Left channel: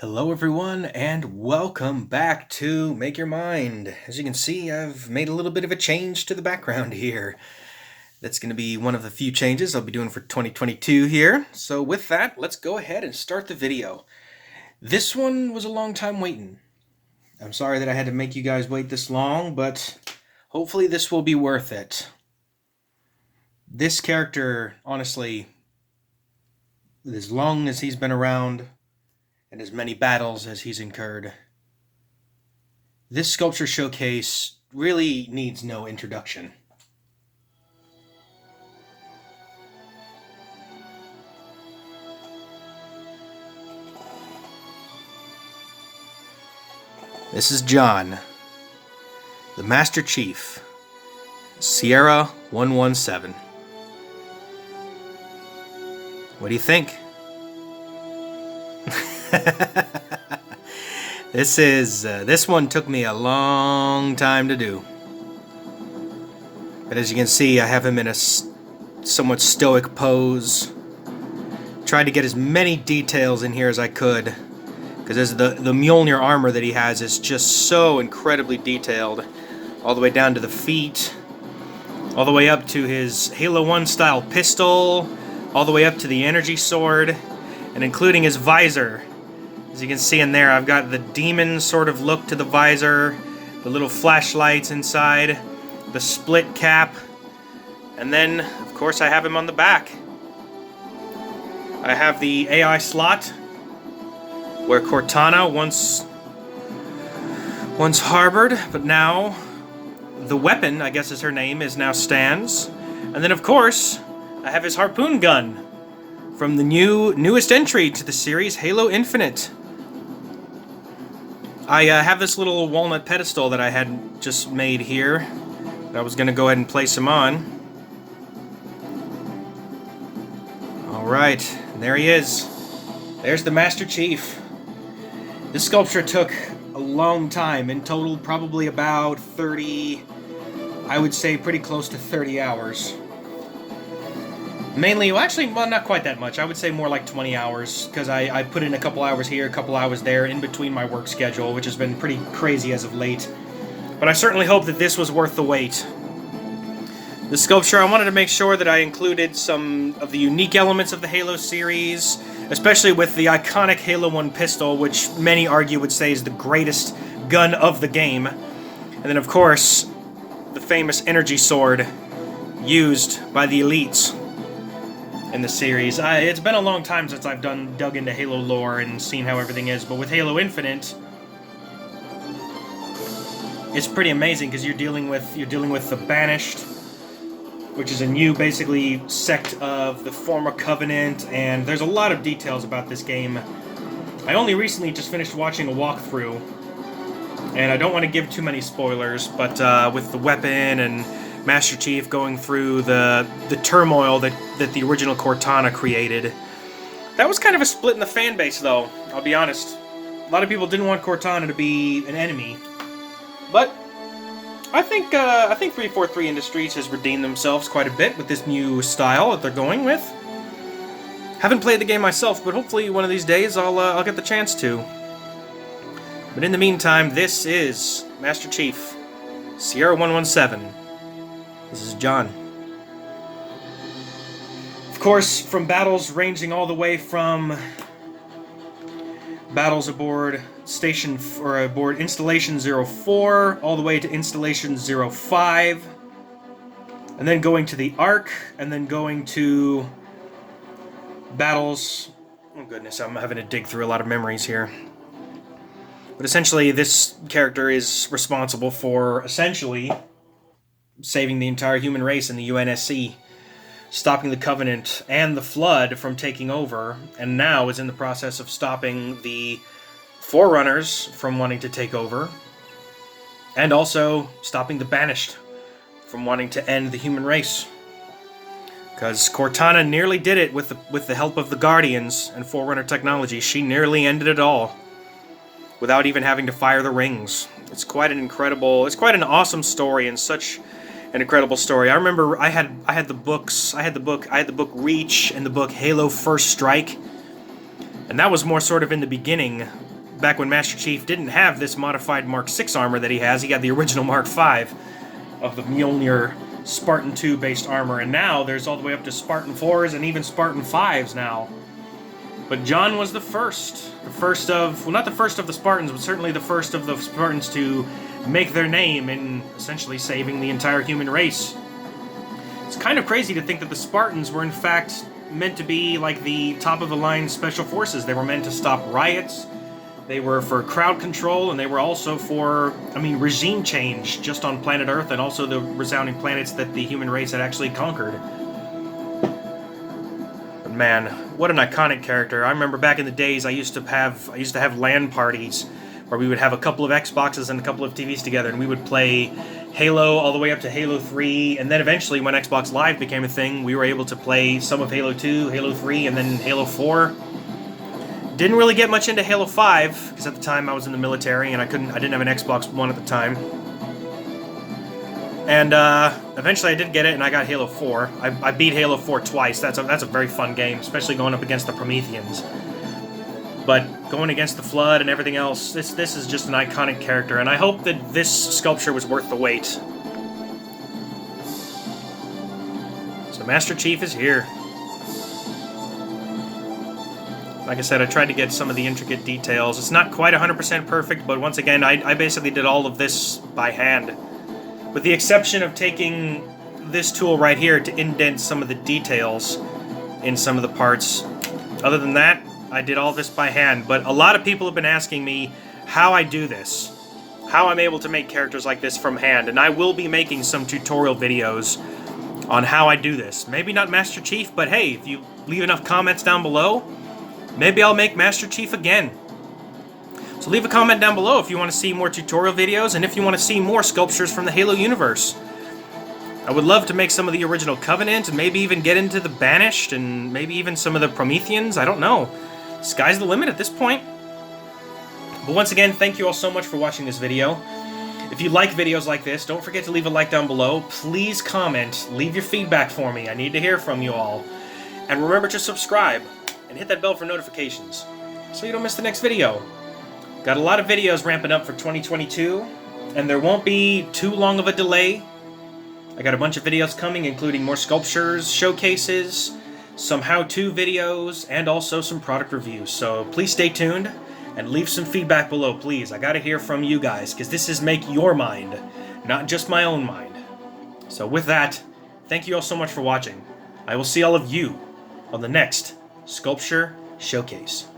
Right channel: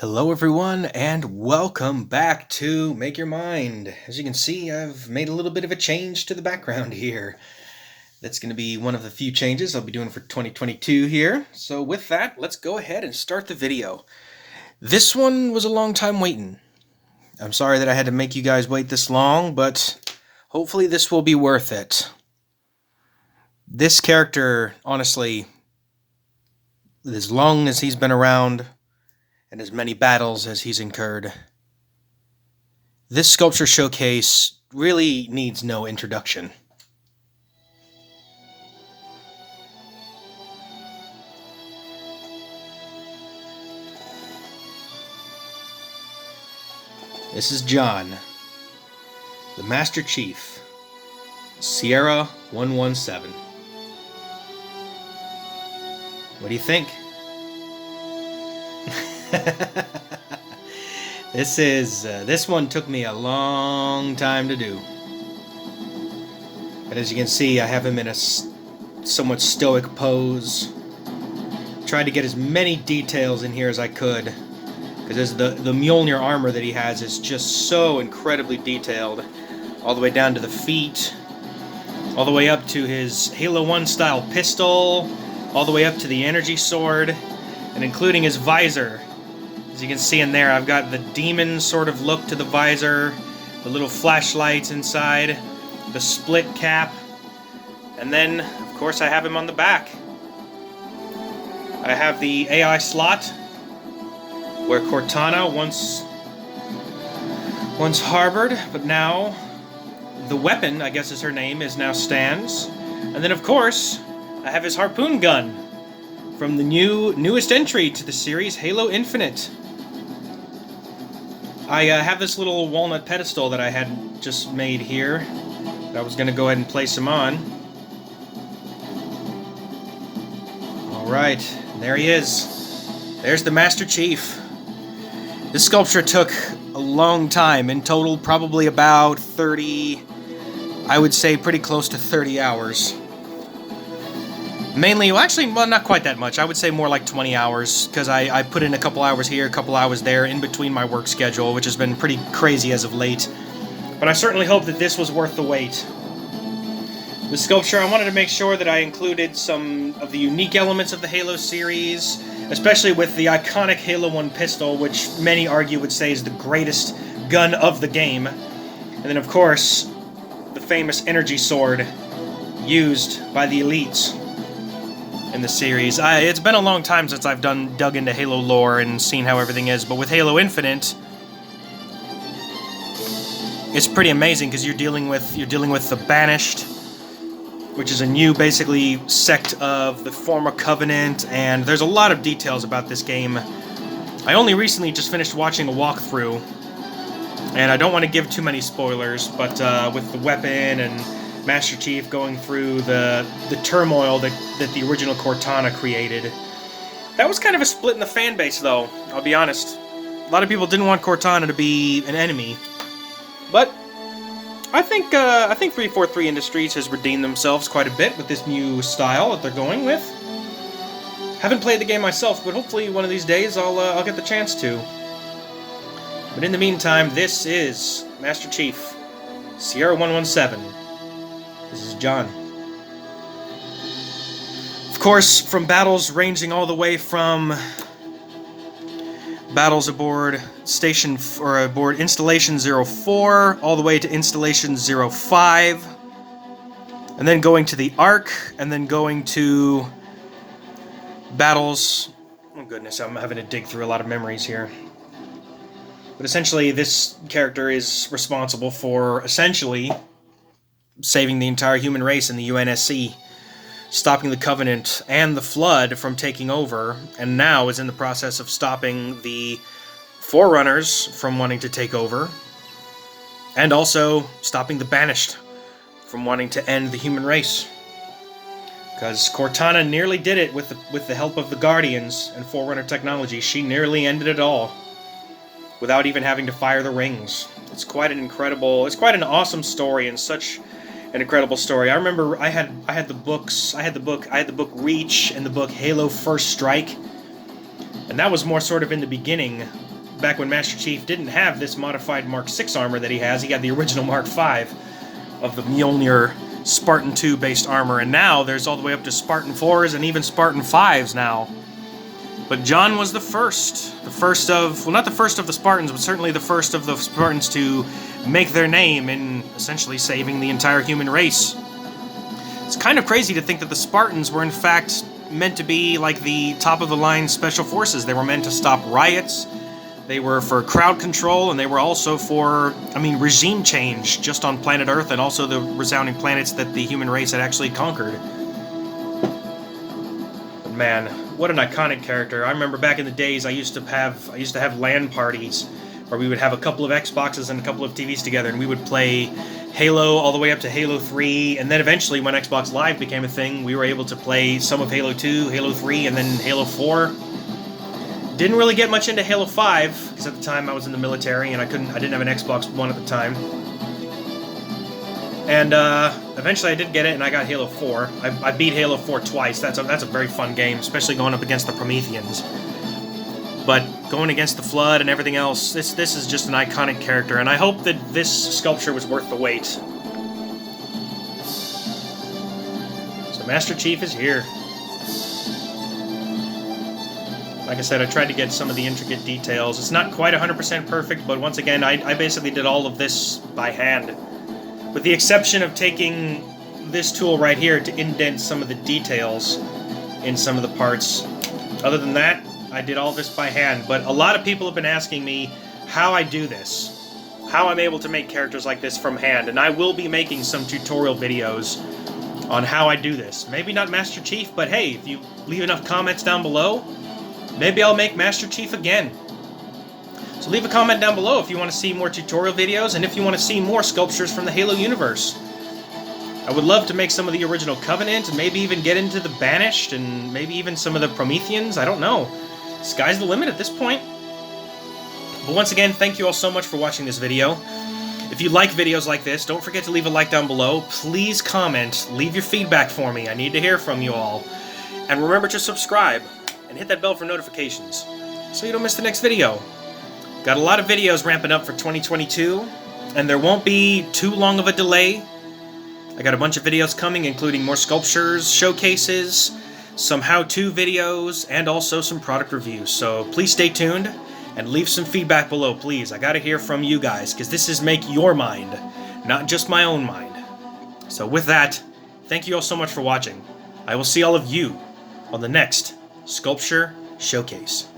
Hello everyone and welcome back to Make Your Mind. As you can see, I've made a little bit of a change to the background here. That's going to be one of the few changes I'll be doing for 2022 here. So with that, let's go ahead and start the video. This one was a long time waiting. I'm sorry that I had to make you guys wait this long, but hopefully this will be worth it. This character, honestly, as long as he's been around, and as many battles as he's incurred, this sculpture showcase really needs no introduction. This is John, the Master Chief, Sierra 117. What do you think? This one took me a long time to do. But as you can see, I have him in a somewhat stoic pose. Tried to get as many details in here as I could, because the Mjolnir armor that he has is just so incredibly detailed, all the way down to the feet, all the way up to his Halo 1 style pistol, all the way up to the energy sword, and including his visor. As you can see in there, I've got the demon sort of look to the visor, the little flashlights inside, the split cap, and then, of course, I have him on the back. I have the AI slot, where Cortana once harbored, but now the weapon, I guess is her name, is now stands. And then, of course, I have his harpoon gun from the newest entry to the series, Halo Infinite. I have this little walnut pedestal that I had just made here. I was going to go ahead and place him on. Alright, there he is. There's the Master Chief. This sculpture took a long time. In total, probably about 30, I would say pretty close to 30 hours. Mainly, well, not quite that much. I would say more like 20 hours, because I put in a couple hours here, a couple hours there, in between my work schedule, which has been pretty crazy as of late. But I certainly hope that this was worth the wait. The sculpture, I wanted to make sure that I included some of the unique elements of the Halo series, especially with the iconic Halo 1 pistol, which many argue would say is the greatest gun of the game. And then, of course, the famous energy sword used by the elites in the series. It's been a long time since I've dug into Halo lore and seen how everything is, but with Halo Infinite, it's pretty amazing because you're dealing with the Banished, which is a new, basically, sect of the former Covenant, and there's a lot of details about this game. I only recently just finished watching a walkthrough, and I don't want to give too many spoilers, but with the weapon and Master Chief going through the turmoil that the original Cortana created. That was kind of a split in the fan base, though, I'll be honest. A lot of people didn't want Cortana to be an enemy, but I think 343 Industries has redeemed themselves quite a bit with this new style that they're going with. Haven't played the game myself, but hopefully one of these days I'll get the chance to. But in the meantime, this is Master Chief, Sierra 117. This is John. Of course, from battles ranging all the way from battles aboard aboard Installation 04, all the way to Installation 05, and then going to the Ark, and then going to battles. Oh goodness, I'm having to dig through a lot of memories here. But essentially, this character is responsible for essentially saving the entire human race in the UNSC, stopping the Covenant and the Flood from taking over, and now is in the process of stopping the Forerunners from wanting to take over, and also stopping the Banished from wanting to end the human race. Because Cortana nearly did it with the help of the Guardians and Forerunner technology. She nearly ended it all without even having to fire the rings. It's quite an awesome story, and such an incredible story. I remember I had the book Reach and the book Halo First Strike, and that was more sort of in the beginning back when Master Chief didn't have this modified Mark 6 armor that he has. He had the original Mark 5 of the Mjolnir Spartan 2 based armor, and now there's all the way up to Spartan 4s and even Spartan 5s now. But John was the first of, well, not the first of the Spartans, but certainly the first of the Spartans to make their name in essentially saving the entire human race. It's kind of crazy to think that the Spartans were in fact meant to be like the top-of-the-line special forces. They were meant to stop riots, they were for crowd control, and they were also for, I mean, regime change just on planet Earth and also the resounding planets that the human race had actually conquered. But man, what an iconic character. I remember back in the days I used to have LAN parties where we would have a couple of Xboxes and a couple of TVs together, and we would play Halo all the way up to Halo 3, and then eventually when Xbox Live became a thing, we were able to play some of Halo 2, Halo 3, and then Halo 4. Didn't really get much into Halo 5, because at the time I was in the military and I didn't have an Xbox One at the time. And eventually I did get it, and I got Halo 4. I beat Halo 4 twice. That's a very fun game, especially going up against the Prometheans. But going against the Flood and everything else, this is just an iconic character, and I hope that this sculpture was worth the wait. So Master Chief is here. Like I said, I tried to get some of the intricate details. It's not quite 100% perfect, but once again, I basically did all of this by hand. With the exception of taking this tool right here to indent some of the details in some of the parts. Other than that, I did all this by hand, but a lot of people have been asking me how I do this, how I'm able to make characters like this from hand, and I will be making some tutorial videos on how I do this. Maybe not Master Chief, but hey, if you leave enough comments down below, maybe I'll make Master Chief again. So leave a comment down below if you want to see more tutorial videos, and if you want to see more sculptures from the Halo universe. I would love to make some of the original Covenant, and maybe even get into the Banished, and maybe even some of the Prometheans, I don't know. Sky's the limit at this point. But once again, thank you all so much for watching this video. If you like videos like this, don't forget to leave a like down below. Please comment, leave your feedback for me. I need to hear from you all. And remember to subscribe and hit that bell for notifications so you don't miss the next video. Got a lot of videos ramping up for 2022, and there won't be too long of a delay. I got a bunch of videos coming, including more sculptures, showcases, some how-to videos, and also some product reviews. So please stay tuned and leave some feedback below, please. I gotta hear from you guys, because this is Make Your Mind, not just my own mind. So with that, thank you all so much for watching. I will see all of you on the next Sculpture Showcase.